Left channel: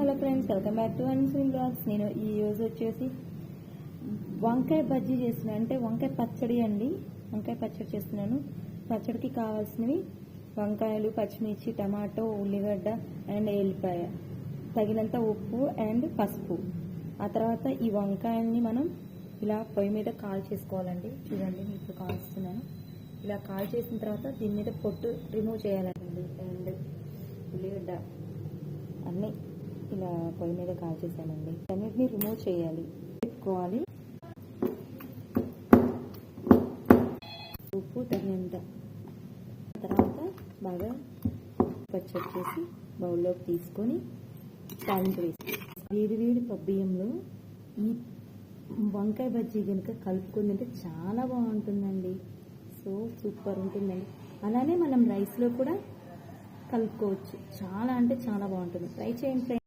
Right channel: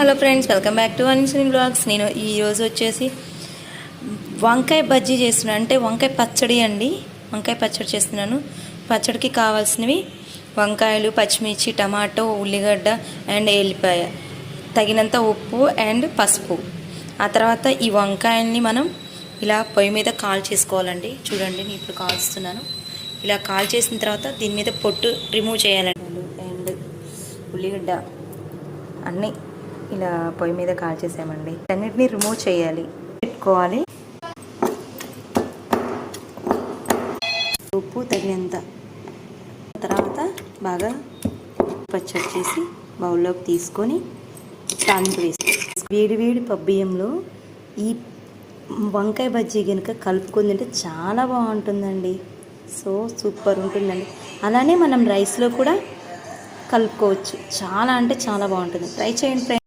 Hello friends, welcome back to unseen blogs. నేను ఈరోజు వచ్చేసి వంకాయ బజ్జీ చేస్తున్నాను, అంటే వంకాయ పచ్చడి అండి. వంకాయ పచ్చడి చేస్తున్నాను. పచ్చడికి కావాల్సినవి వంకాయలు, పచ్చిమిర్చి, టమాటో, ఉల్లిగడ్డ అండ్ ఎల్లిపాయ, తగినంత ఉప్పు అండ్ పసుపు. ఆ తర్వాత ఈ వంకాయల్ని మనం ఇలా పొయ్యి మీద కాల్ చేసుకోవాలండి. చూడండి, నేను ఇప్పుడు కాల్స్తున్నాను. ఇలా కాల్ చేసిన తర్వాత దీని మీద పొట్టు రిమూవ్ చేయాలండి. అండ్ ఉల్లిగడ్డ అన్నీ ఇలా పొయ్యి మీద కాల్ చేసామండి. అన్నిటిని రిమూవ్ చేయాలి, పెట్టుకోవాలి. ఉప్పు తగినంత. తర్వాత బాగా పచ్చడి చేసి బౌల్లోకి తీసుకొని తాలింపు వేసి వేడి వేడి పబ్బియ్యంలో ఈ వంకాయ బజ్జీ కనుక కలుపుకొని తింటే చాలా బాగుంటుందండి. సో సూపర్ ఉంటుందండి. అలానే మనం రైస్లో కూడా కలుపుకోవచ్చు. చాలా అంటే చాలా బాగుంటుంది. ట్రై చేయండి ఫ్రెండ్స్.